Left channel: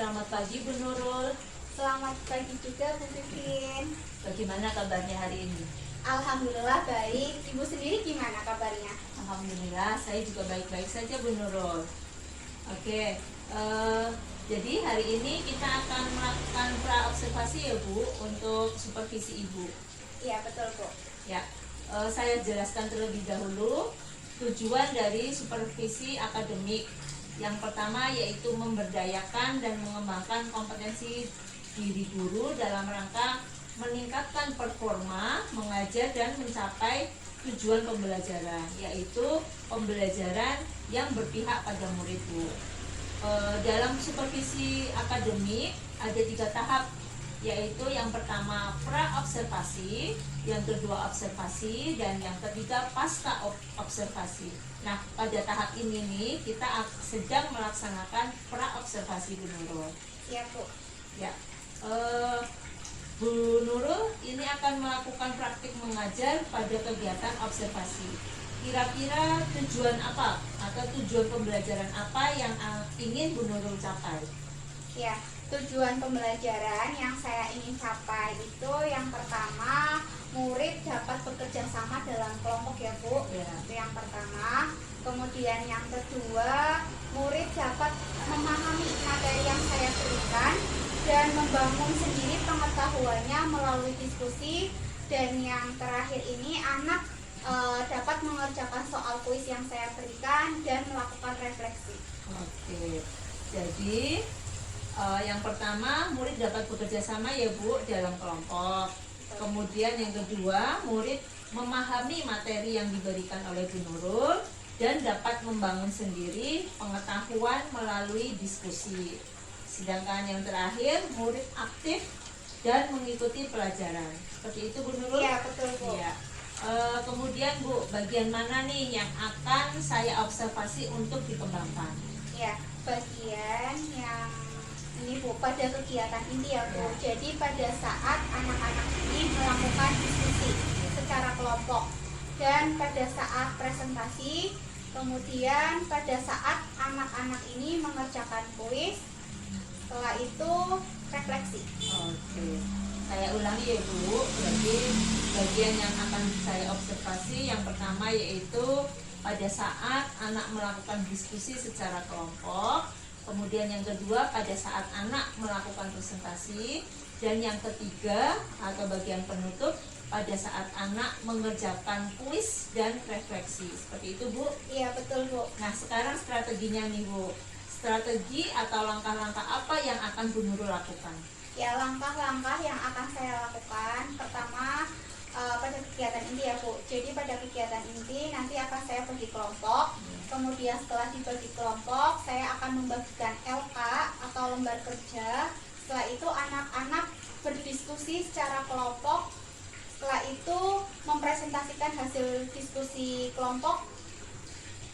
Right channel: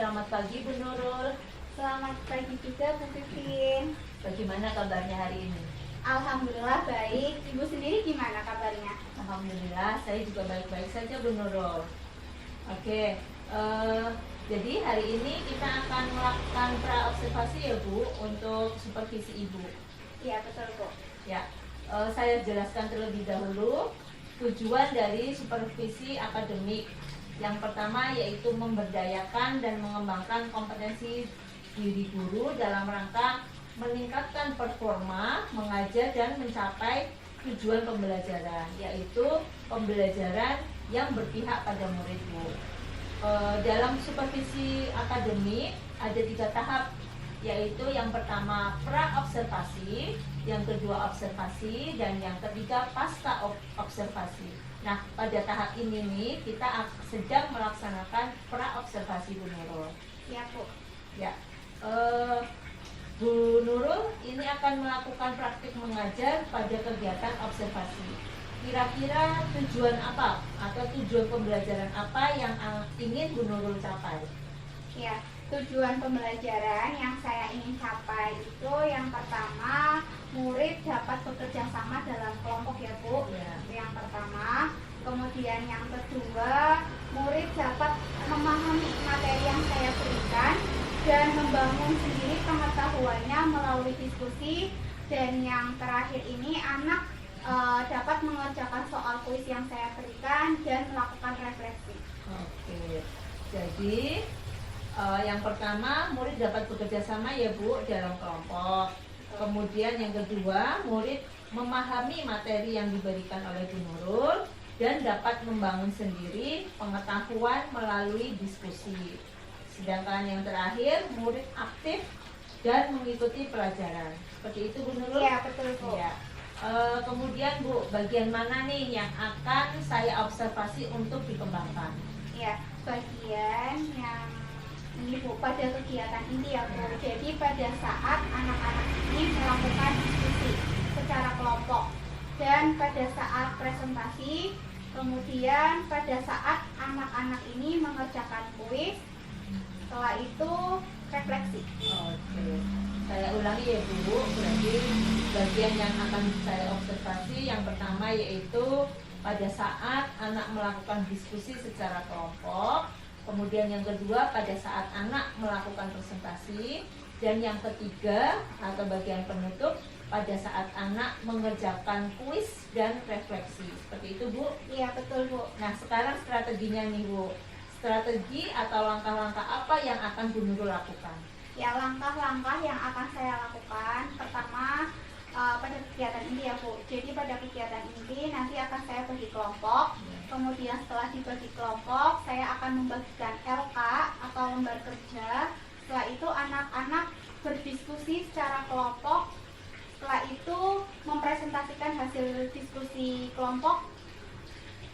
Selamat pagi Bu Nurul. Selamat pagi juga Bu Pipin. Bagaimana kabarnya hari ini? Alhamdulillah baik. Ibu sendiri gimana kabarnya? Alhamdulillah saya juga baik-baik saja Bu Nurul. Oke, jadi hari ini kita akan melakukan pra-observasi ya Bu untuk supervisi Ibu. Iya betul Bu. Ya, saya jelaskan terlebih dahulu tujuan dari supervisi akademik. Yang pertama yaitu memberdayakan dan mengembangkan kompetensi diri guru dalam rangka meningkatkan performa, mengajar dan mencapai tujuan pembelajaran, yaitu pembelajaran yang berpihak pada murid Bu. Dalam supervisi akademik ada 3 tahap, yaitu yang pertama pra-observasi, yang kedua observasi, dan yang ketiga pasca observasi. Nah, pada tahap ini nih kita sedang melaksanakan pra-observasi Bu Nurul. Iya Bu. Ya, Bu Nurul ini akan melakukan praktik mengajar pada kegiatan observasi. Kira-kira tujuan apa atau tujuan pembelajaran apa yang ingin Bu Nurul capai? Ya, tujuan pembelajaran yang saya ingin capai itu yang pertama, murid dapat bekerja sama dalam kelompok ya Bu. Ya. Itu yang pertama. Kemudian yang kedua, murid dapat memahami materi yang saya berikan dan membangun sendiri pengetahuannya melalui diskusi. Dan yang terakhir ini, anak dapat mengerjakan soal kuis yang saya berikan dan melakukan refleksi. Oke, jadi yang pertama murid dapat bekerja sama ya Bu dalam kelompok. Kemudian yang kedua, murid memahami materi yang diberikan oleh Bu Nurul dan dapat membangun sendiri pengetahuan melalui diskusi. Sedangkan yang terakhir, murid aktif dan mengikuti pelajaran. Seperti itu Bu Nurul? Iya betul Bu. Ya. Kemudian Bu, bagian mana nih yang akan saya observasi untuk dikembangkan? Ya, bagian yang ini Bu, pada kegiatan ini ya Bu. Ya. Jadi pada saat anak-anak ini melakukan diskusi secara kelompok, dan pada saat presentasi, kemudian pada saat anak-anak ini mengerjakan kuis, setelah itu refleksi. Oke, saya ulangi ya Bu. Berarti bagian yang akan saya observasi yang pertama yaitu pada saat anak melakukan diskusi secara kelompok. Kemudian yang kedua pada saat anak melakukan presentasi. Dan yang ketiga atau bagian penutup pada saat anak mengerjakan kuis dan refleksi. Seperti itu Bu? Iya betul Bu. Nah sekarang strateginya nih Bu. Strategi atau langkah-langkah apa yang akan Bu Nurul lakukan? Ya, langkah-langkah yang akan saya lakukan pertama pada kegiatan ini ya Bu. Jadi pada kegiatan ini nanti akan saya bagi kelompok. Kemudian setelah dibagi kelompok, saya akan membagikan LK atau lembar kerja. Setelah itu anak-anak berdiskusi secara kelompok. Setelah itu mempresentasikan hasil diskusi kelompok.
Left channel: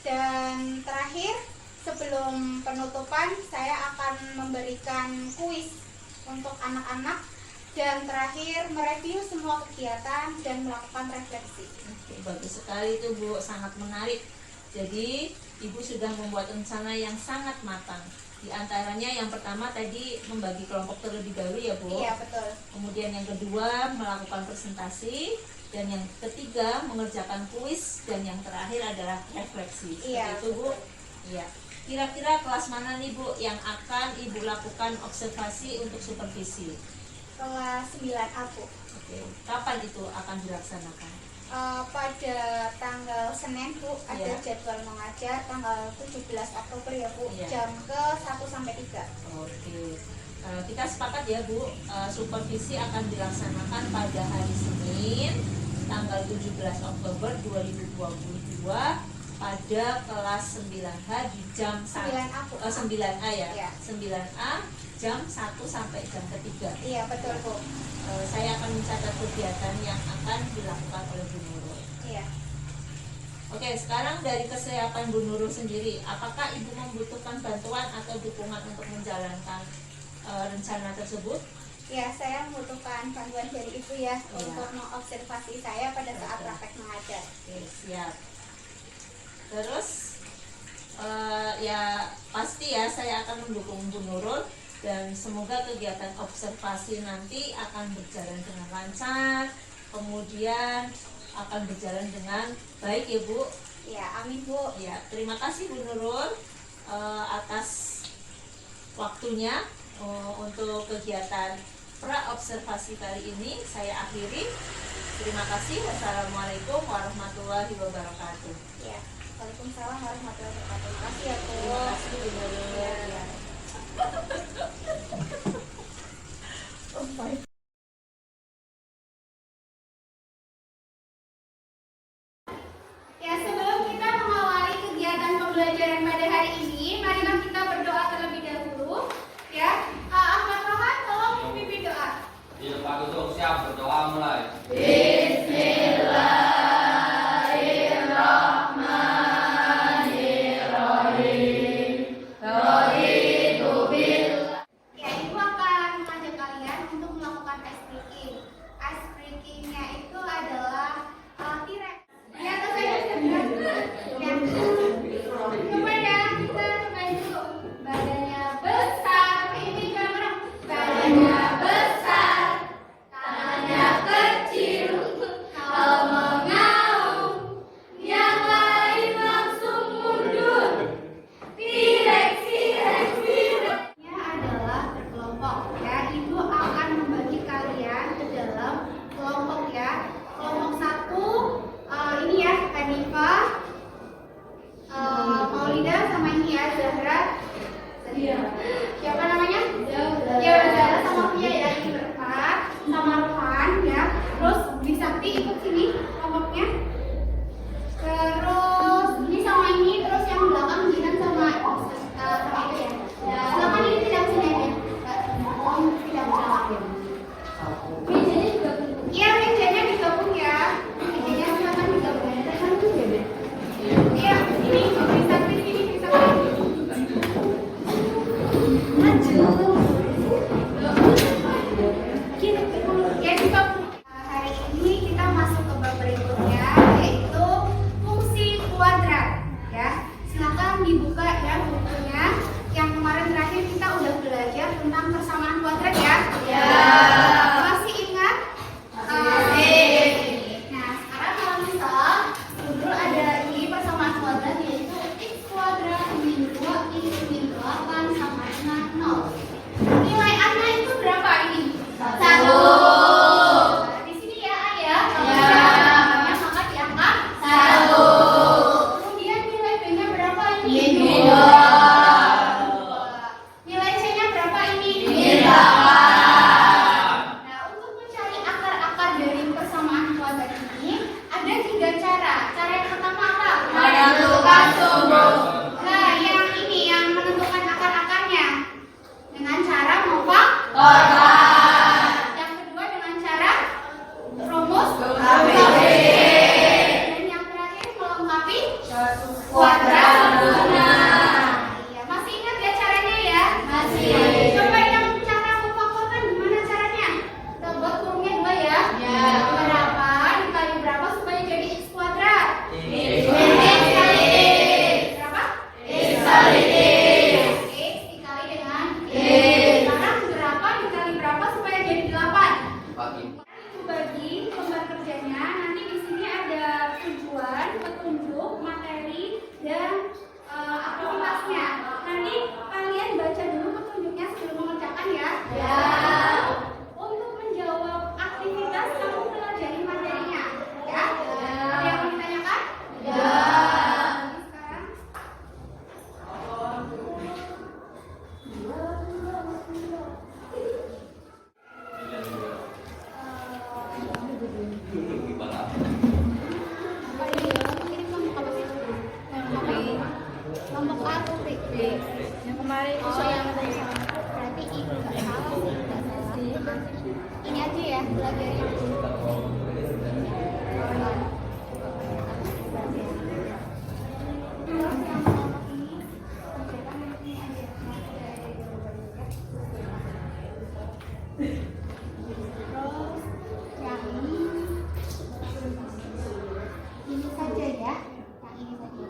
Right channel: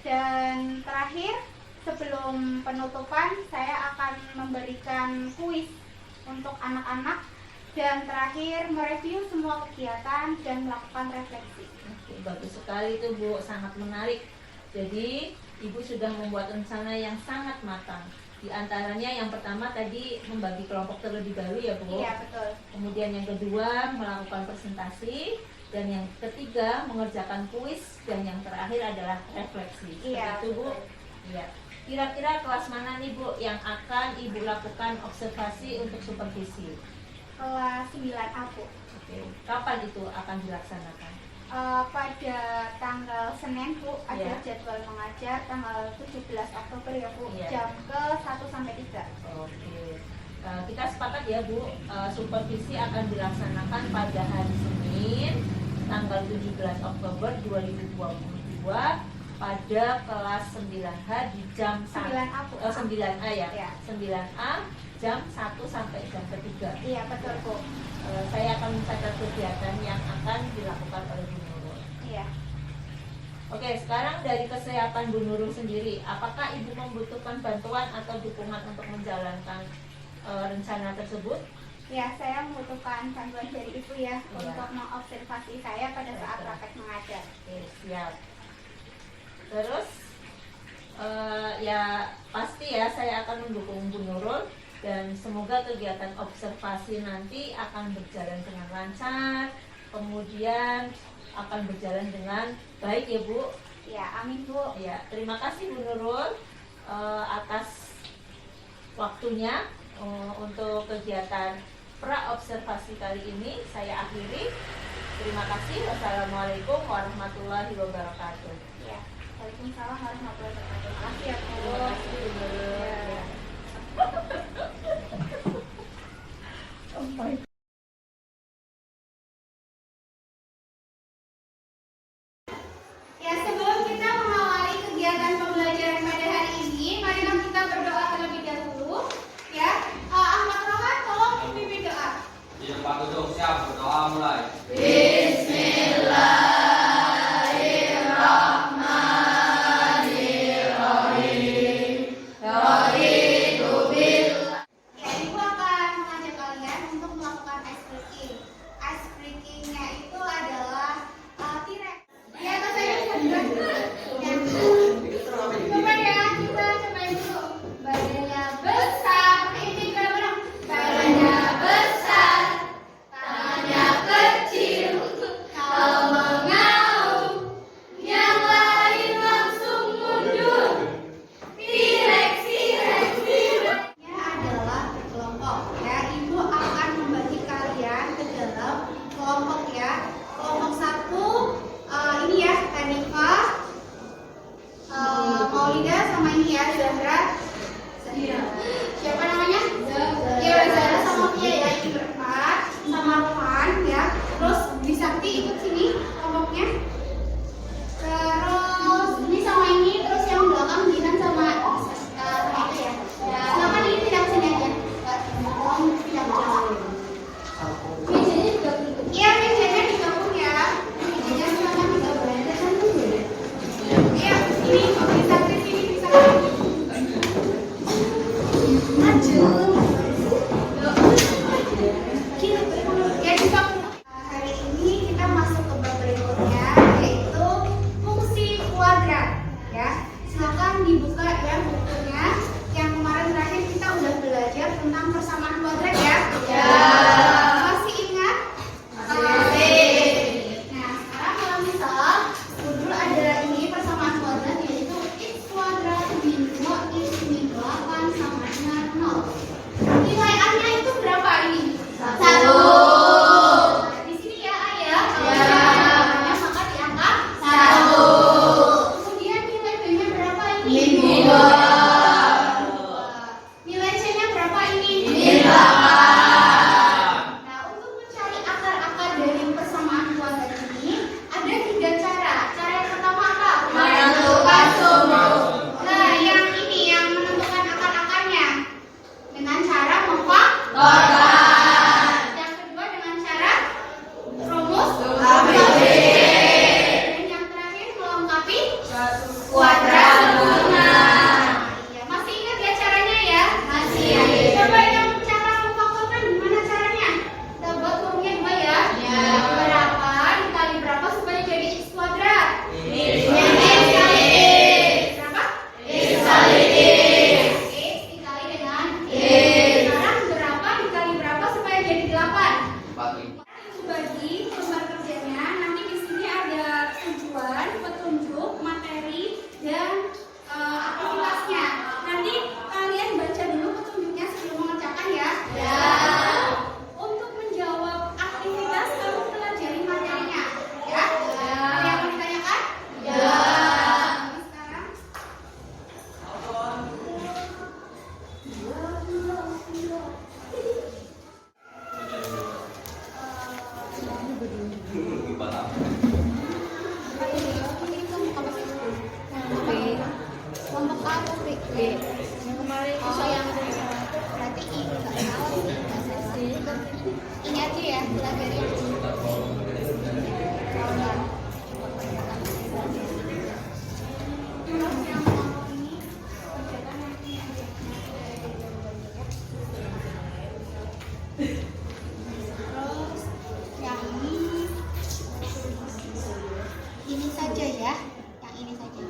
Dan terakhir, sebelum penutupan, saya akan memberikan kuis untuk anak-anak. Dan terakhir, mereview semua kegiatan dan melakukan refleksi. Oke, bagus sekali itu Bu, sangat menarik. Jadi Ibu sudah membuat rencana yang sangat matang. Di antaranya yang pertama tadi membagi kelompok terlebih dahulu ya Bu. Iya betul. Kemudian yang kedua melakukan presentasi. Dan yang ketiga mengerjakan kuis. Dan yang terakhir adalah refleksi. Seperti Iya, itu Bu. betul. Iya. Kira-kira kelas mana nih Bu yang akan Ibu lakukan observasi untuk supervisi? Kelas 9A Bu. Oke, kapan itu akan dilaksanakan? Pada tanggal Senin Bu, ada Ya. jadwal mengajar tanggal 17 Oktober ya Bu, Ya. jam ke 1 sampai 3. Oke, kita sepakat ya Bu, supervisi akan dilaksanakan pada hari Senin tanggal 17 Oktober 2022 pada kelas 9H di jam 9A Bu. 9A ya? Ya. 9A jam 1 sampai jam ketiga. Iya betul Bu. Saya akan mencatat kegiatan yang akan dilakukan oleh Bu Nurul. Iya. Oke, sekarang dari kesiapan Bu Nurul sendiri, apakah Ibu membutuhkan bantuan atau dukungan untuk menjalankan rencana tersebut? Ya, saya membutuhkan bantuan dari Ibu ya, Iya. untuk mengobservasi saya pada saat Betul. praktek mengajar. Oke, siap. Terus ya pasti ya saya akan mendukung Bu Nurul dan semoga kegiatan observasi nanti akan berjalan dengan lancar, kemudian akan berjalan dengan baik ya Bu. Ya, amin Bu. Ya, terima kasih Bu Nurul atas waktunya untuk kegiatan pra-observasi kali ini. Saya akhiri. Terima kasih. Wassalamualaikum warahmatullahi wabarakatuh. Ya, waalaikumsalam warahmatullahi wabarakatuh. Terima kasih ya Bu. Terima kasih Bu Nurul. Ya. Oh my. Ya, sebelum kita mengawali kegiatan pembelajaran pada hari ini, marilah kita berdoa terlebih dahulu. Ya, Ahmad Rohan, tolong memimpin doa. Di depan tutup, siap, berdoa mulai. Ya, Ibu akan mengajak kalian untuk melakukan ice breaking. Ice breakingnya itu adalah T-Rex. Ya, coba ya. Ya. Coba ya, kita cobain dulu. Badannya besar. Ini mana? Badannya besar, tangannya kecil. Kalau mau ngaum, yang lain langsung mundur. T-Rex, T-Rex, T-Rex. Ini adalah berkelompok ya. Ibu akan membagi kalian ke dalam kelompok ya. Kelompok satu ini ya, Hanifa, Maulida sama ini ya, Zahra. Siapa namanya? Ya, Zahra sama Fia ya, ini berempat. Sama Rohan ya. Terus Bisakti ikut sini kelompoknya. Terus ini sama ini, terus yang belakang Jinan sama ini ya. Silakan ini pindah ke sini aja. Tolong pindah ke belakang. Mejanya juga ikut. Iya, mejanya digabung ya. Mejanya silakan digabung. Iya, ini bisa ke sini, bisa ke sini. Ya, digabung. Hari ini kita masuk ke bab berikutnya, yaitu fungsi kuadrat ya. Silakan dibuka ya bukunya. Yang kemarin terakhir kita udah belajar tentang persamaan kuadrat ya. Masih ingat? Nah, sekarang kalau misal Budul ada ini persamaan kuadrat, yaitu x kuadrat min 2x min 8 sama dengan 0. Nilai A-nya itu berapa ini? 1. Nah, di sini ya A ya. Maka diangkat 1. Kemudian nilai B-nya berapa ini? Min 2. Nilai C-nya berapa ini? Min 8. Nah, untuk mencari akar-akar dari persamaan kuadrat ini ada 3 cara. Cara yang pertama apa? Menentukan sumbu. Nah, yang ini yang menentukan akar-akarnya dengan cara memfaktorkan. Yang kedua dengan cara rumus dan yang terakhir melengkapi kuadrat sempurna. Iya, masih ingat ya caranya ya? Masih. Coba yang cara memfaktorkan gimana caranya? Kita buat kurungnya 2 ya. Berapa dikali berapa supaya jadi x kuadrat? X kali x. Berapa? X kali x. X dikali dengan x. Sekarang berapa dikali berapa supaya jadi 8? Bagi. Ibu bagi lembar kerjanya. Nanti di sini ada tujuan, petunjuk, materi, dan aktivitasnya. Nanti kalian baca dulu petunjuknya sebelum mengerjakan ya. Untuk menjawab aktivitas kamu pelajari materinya. Ya. Ada yang mau ditanyakan? Jadi sekarang. Gimana? Ini kelompok apa sih? Kelompok A atau B? Yang kemarin itu yang berarti I nggak salah sih, nggak salah. Ini aja ya belajar yang ini. Terus yang kelompok ini kerjakan nanti aja, nanti ada jawabannya ya. Terus yang ini saja ya, yang ini saja.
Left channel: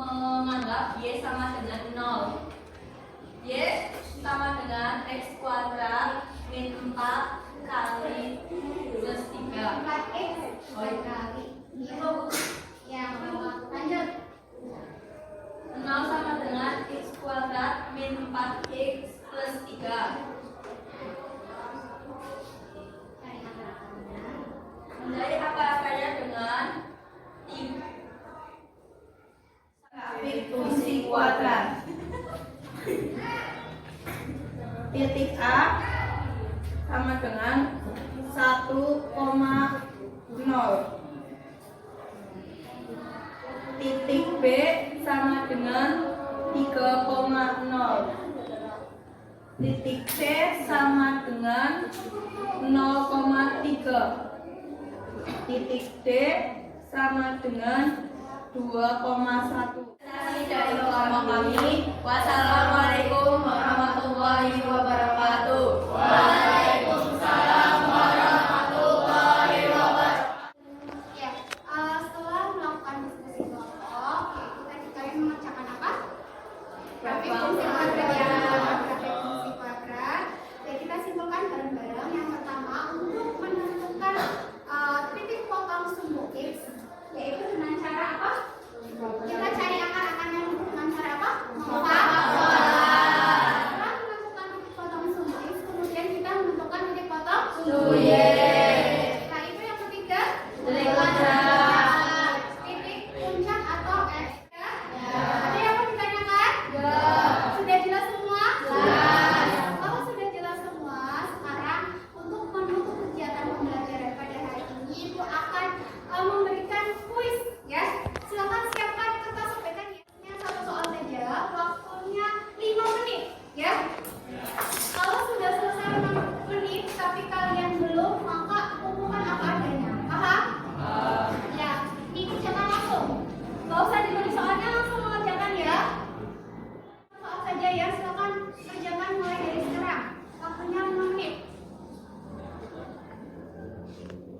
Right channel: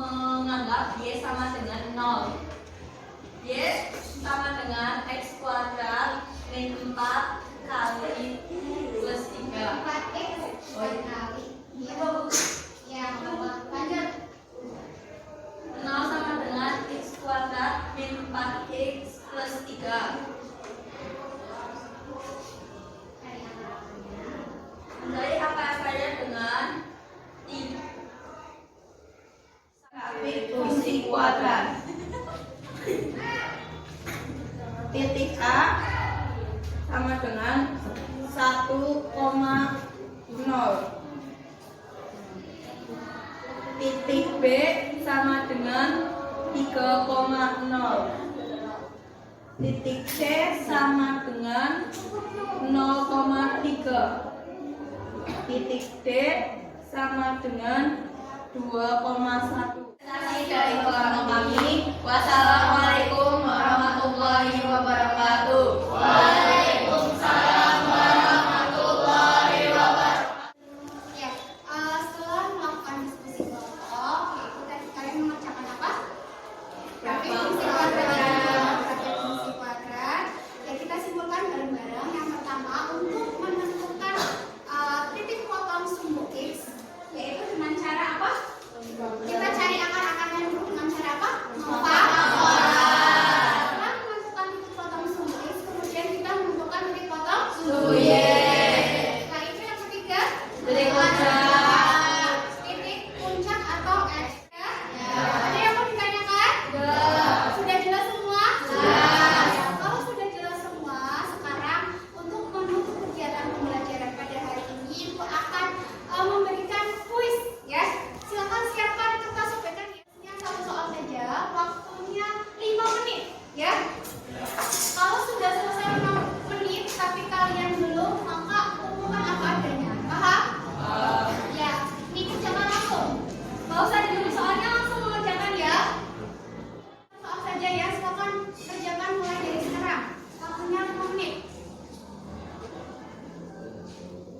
menganggap Y sama dengan 0. Y sama dengan X kuadrat min 4 kali plus 3. 4x kali. Iya, ya, lanjut. 0 sama dengan X kuadrat min 4x plus 3. Menjadi apa-apanya dengan grafik fungsi kuadrat. Titik A sama dengan 1,0. Titik B sama dengan 3,0. Titik C sama dengan 0,3. Titik D sama dengan 2,1. Dari kelompok kami, wassalamualaikum warahmatullahi wabarakatuh. Waalaikumsalam warahmatullahi wabarakatuh. Ya, setelah melakukan diskusi kelompok, yaitu tadi kalian mengerjakan apa? Grafik fungsi kuadrat ya, grafik fungsi kuadrat. Ya, kita simpulkan bareng-bareng. Yang pertama, untuk menentukan titik potong sumbu X, yaitu dengan cara apa? Kita cari akar-akarnya dulu dengan cara apa? Setelah menentukan titik potong sumbu X, kemudian kita menentukan titik potong sumbu Y. Setelah itu yang ketiga, titik puncak atau X. Ya? Ada yang mau ditanyakan? Sudah jelas semua? Ya, kalau sudah jelas semua, sekarang untuk menutup kegiatan pembelajaran pada hari ini, Ibu akan memberikan kuis, ya. Silakan siapkan kertas sobekan hiasnya, satu soal saja, waktunya 5 menit, ya. Kalau sudah selesai 5 menit tapi kalian belum, maka umumkan apa adanya. Paham? Ya, ini kerjakan langsung. Gak usah ditulis soalnya, langsung mengerjakan ya. Soal saja ya, silakan kerjakan mulai dari sekarang. Waktunya 5 menit.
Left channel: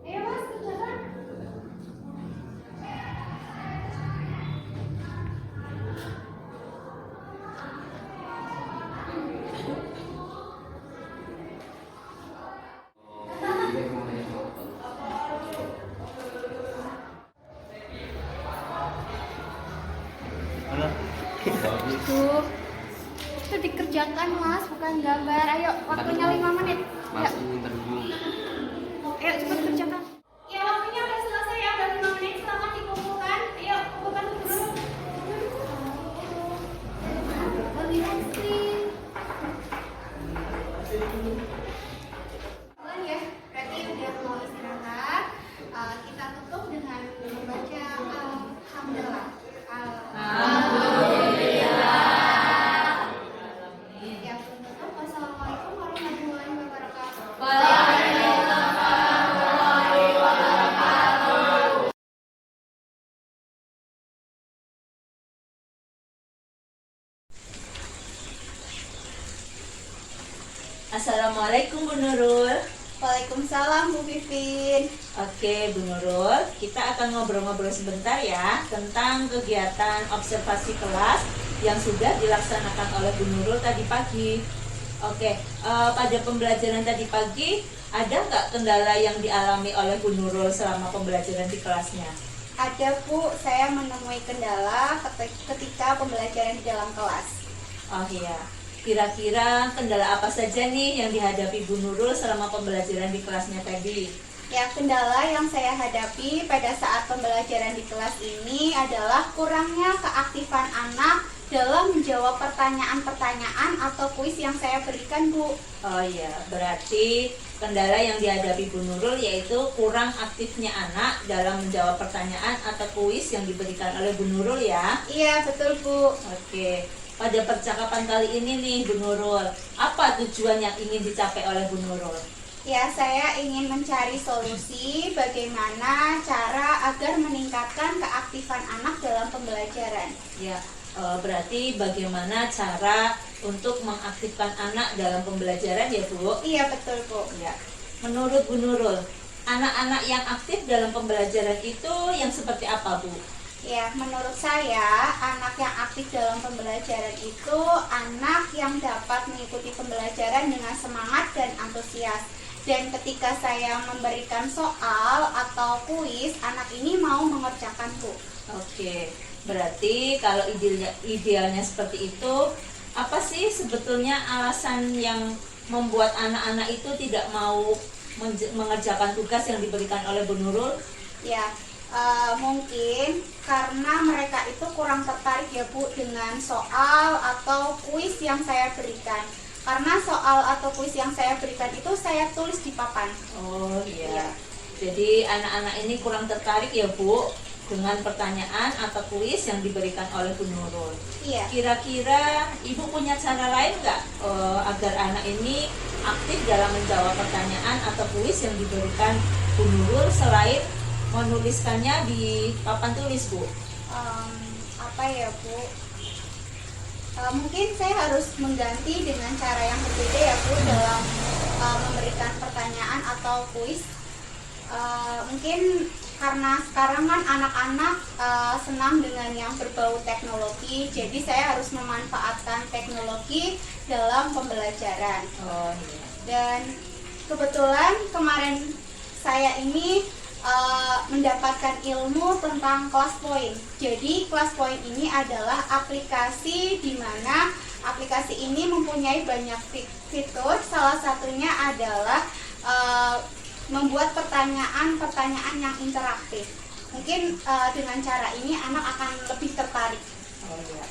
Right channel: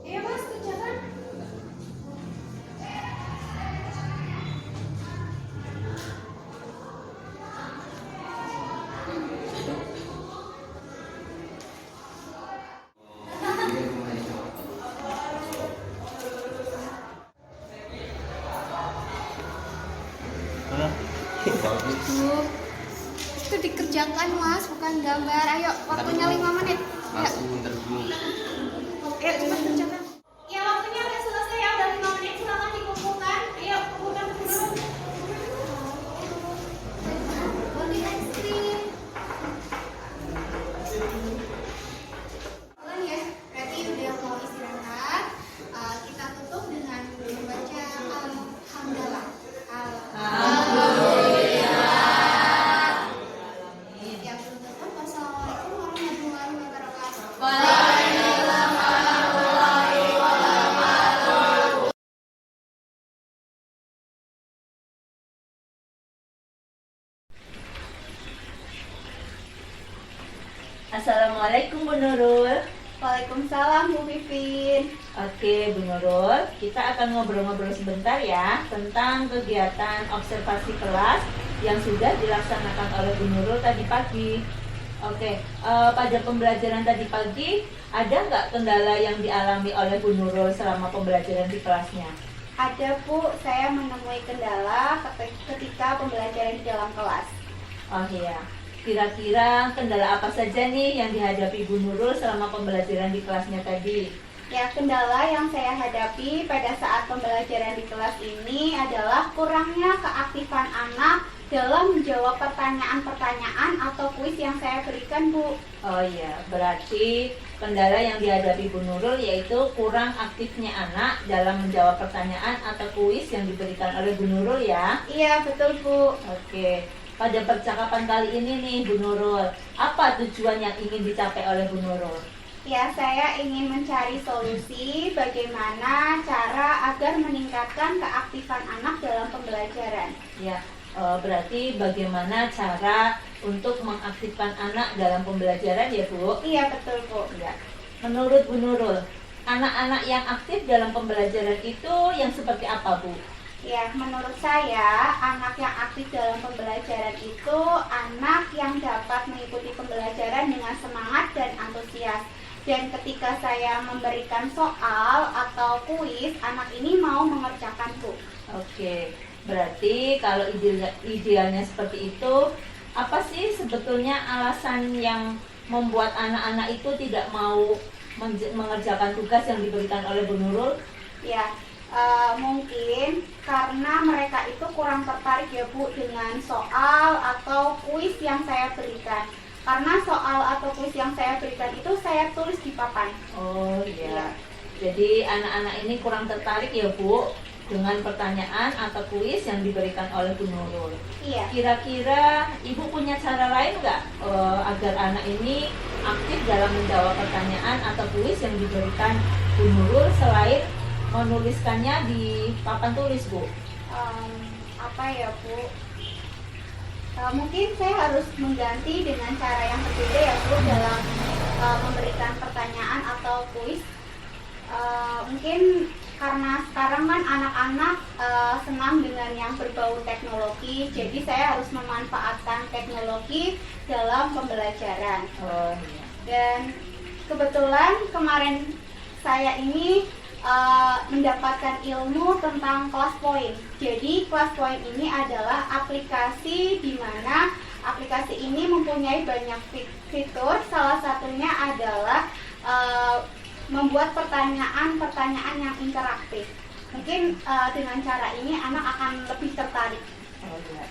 Ayo Mas, kerjakan. Itu dikerjakan Mas, bukan gambar. Ayo, waktunya 5 menit. Masih bentar dulu. Ayo cepat kerjakan. Ya waktunya udah selesai ya, udah 5 menit. Silakan dikumpulkan. Ayo kumpulkan dulu. Ganti screen. Bukan ya, berarti udah mau istirahat. Kita tutup dengan membaca alhamdulillah. Yang belum tutup, wassalamualaikum warahmatullahi wabarakatuh. Assalamualaikum Bu Nurul. Waalaikumsalam Bu Vivin. Oke Bu Nurul, kita akan ngobrol-ngobrol sebentar ya tentang kegiatan observasi kelas yang sudah dilaksanakan oleh Bu Nurul tadi pagi. Oke, pada pembelajaran tadi pagi ada nggak kendala yang dialami oleh Bu Nurul selama pembelajaran di kelasnya? Ada Bu, saya menemui kendala ketika pembelajaran di dalam kelas. Oh iya, kira-kira kendala apa saja nih yang dihadapi Bu Nurul selama pembelajaran di kelasnya tadi? Ya, kendala yang saya hadapi pada saat pembelajaran di kelas ini adalah kurangnya keaktifan anak dalam menjawab pertanyaan-pertanyaan atau kuis yang saya berikan, Bu. Oh iya, berarti kendala yang dihadapi Bu Nurul yaitu kurang aktifnya anak dalam menjawab pertanyaan atau kuis yang diberikan oleh Bu Nurul ya? Iya, betul, Bu. Oke, pada percakapan kali ini nih Bu Nurul, apa tujuan yang ingin dicapai oleh Bu Nurul? Ya, saya ingin mencari solusi bagaimana cara agar meningkatkan keaktifan anak dalam pembelajaran. Ya, berarti bagaimana cara untuk mengaktifkan anak dalam pembelajaran ya Bu? Iya, betul, Bu. Ya. Menurut Bu Nurul, anak-anak yang aktif dalam pembelajaran itu yang seperti apa Bu? Ya, menurut saya anak yang aktif dalam pembelajaran itu anak yang dapat mengikuti pembelajaran dengan semangat dan antusias. Dan ketika saya memberikan soal atau kuis, anak ini mau mengerjakan, Bu. Oke, berarti kalau idealnya seperti itu, apa sih sebetulnya alasan yang membuat anak-anak itu tidak mau mengerjakan tugas yang diberikan oleh Bu Nurul? Ya, mungkin karena mereka itu kurang tertarik ya Bu dengan soal atau kuis yang saya berikan. Karena soal atau kuis yang saya berikan itu saya tulis di papan. Oh iya. Iya. Jadi anak-anak ini kurang tertarik ya Bu dengan pertanyaan atau kuis yang diberikan oleh Bu Nurul. Iya. Kira-kira Ibu punya cara lain nggak agar anak ini aktif dalam menjawab pertanyaan atau kuis yang diberikan Bu Nurul selain menuliskannya di papan tulis, Bu? Apa ya Bu? Mungkin saya harus mengganti dengan cara yang berbeda ya Bu dalam memberikan pertanyaan atau kuis. Mungkin karena sekarang kan anak-anak senang dengan yang berbau teknologi, jadi saya harus memanfaatkan teknologi dalam pembelajaran. Oh iya. Dan kebetulan kemarin saya ini mendapatkan ilmu tentang Class Point. Jadi Class Point ini adalah aplikasi di mana aplikasi ini mempunyai banyak fitur. Salah satunya adalah membuat pertanyaan-pertanyaan yang interaktif. Mungkin dengan cara ini anak akan lebih tertarik. Oh iya.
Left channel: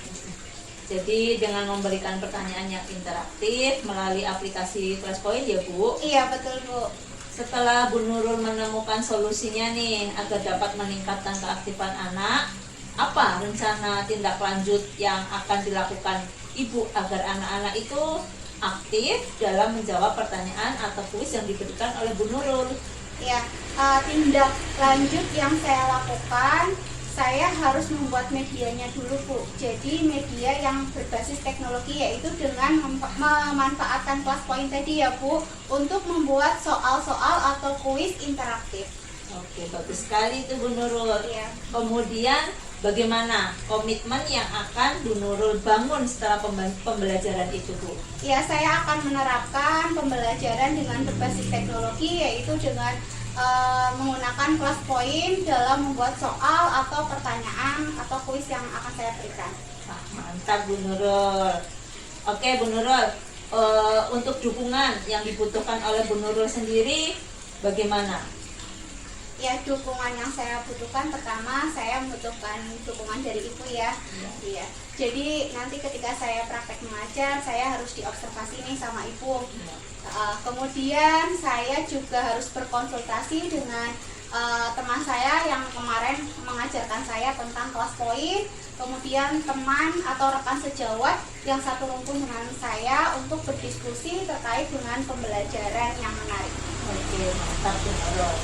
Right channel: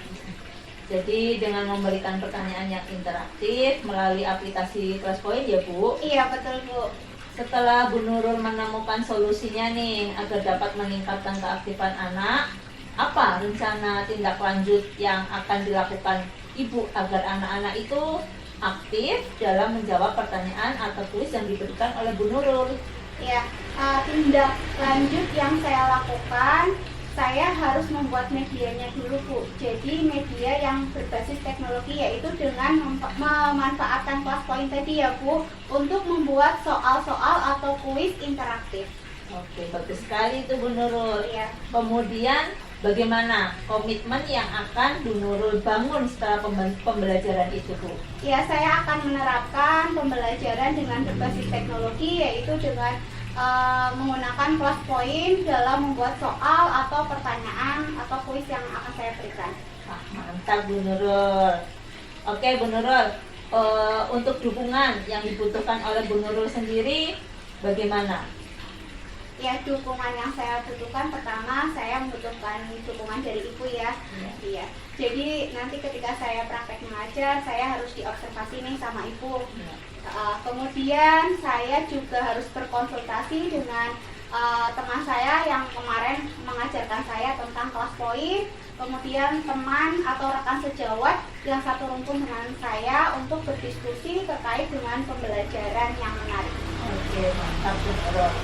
Jadi dengan memberikan pertanyaan yang interaktif melalui aplikasi Classpoint ya Bu? Iya betul Bu. Setelah Bu Nurul menemukan solusinya nih agar dapat meningkatkan keaktifan anak, apa rencana tindak lanjut yang akan dilakukan Ibu agar anak-anak itu aktif dalam menjawab pertanyaan atau kuis yang diberikan oleh Bu Nurul? Ya, tindak lanjut yang saya lakukan, saya harus membuat medianya dulu Bu. Jadi media yang berbasis teknologi, yaitu dengan memanfaatkan Classpoint tadi ya Bu, untuk membuat soal-soal atau kuis interaktif. Oke, bagus sekali itu Bu Nurul. Ya. Kemudian bagaimana komitmen yang akan Bu Nurul bangun setelah pembelajaran itu Bu? Ya, saya akan menerapkan pembelajaran dengan berbasis teknologi, yaitu dengan menggunakan Classpoint dalam membuat soal atau pertanyaan atau kuis yang akan saya berikan. Mantap Bu Nurul. Oke Bu Nurul, untuk dukungan yang dibutuhkan oleh Bu Nurul sendiri bagaimana? Ya, dukungan yang saya butuhkan, pertama saya membutuhkan dukungan dari ibu ya. Iya. Jadi nanti ketika saya praktek mengajar, saya harus diobservasi nih sama ibu. Kemudian saya juga harus berkonsultasi dengan teman saya yang kemarin mengajarkan saya tentang Classpoint. Kemudian teman atau rekan sejawat yang satu rumpun dengan saya untuk berdiskusi terkait dengan pembelajaran yang menarik. Oke, mantap Bu Nurul.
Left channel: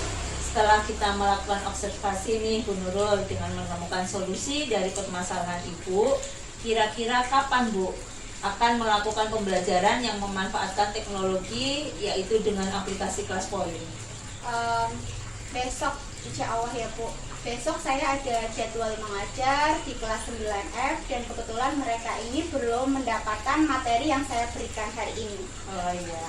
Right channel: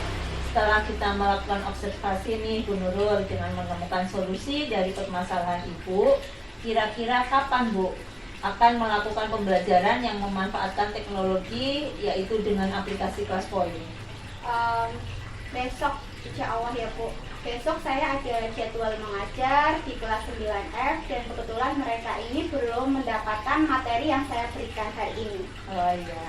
Setelah kita melakukan observasi nih Bu Nurul dengan menemukan solusi dari permasalahan Ibu, kira-kira kapan Bu akan melakukan pembelajaran yang memanfaatkan teknologi yaitu dengan aplikasi Classpoint? Besok insya Allah ya Bu. Besok saya ada jadwal mengajar di kelas 9F dan kebetulan mereka ini belum mendapatkan materi yang saya berikan hari ini. Oh iya.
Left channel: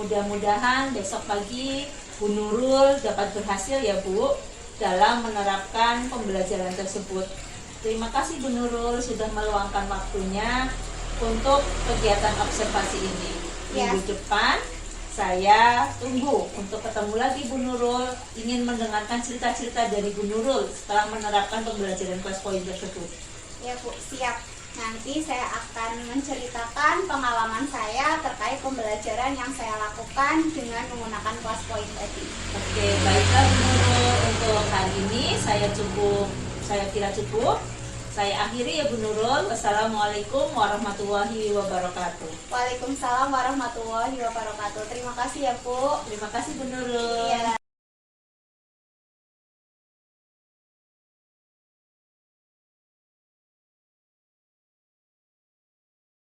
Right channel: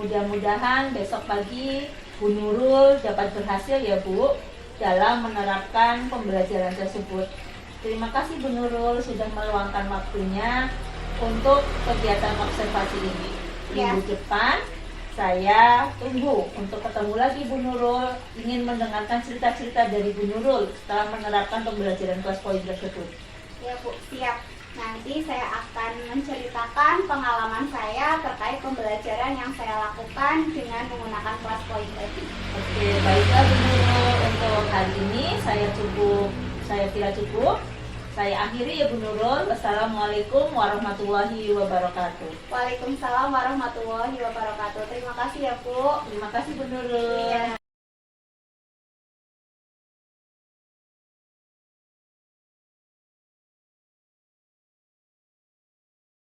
Mudah-mudahan besok pagi Bu Nurul dapat berhasil ya Bu dalam menerapkan pembelajaran tersebut. Terima kasih Bu Nurul sudah meluangkan waktunya untuk kegiatan observasi ini. Ya. Minggu depan saya tunggu untuk ketemu lagi Bu Nurul, ingin mendengarkan cerita-cerita dari Bu Nurul setelah menerapkan pembelajaran Classpoint tersebut. Ya Bu, siap. Nanti saya akan menceritakan pengalaman saya terkait pembelajaran yang saya lakukan dengan menggunakan Classpoint tadi. Oke, baiklah Bu Nurul, untuk hari ini saya kira cukup. Saya akhiri ya Bu Nurul. Wassalamualaikum warahmatullahi wabarakatuh. Waalaikumsalam warahmatullahi wabarakatuh. Terima kasih ya Bu. Terima kasih Bu Nurul. Iya.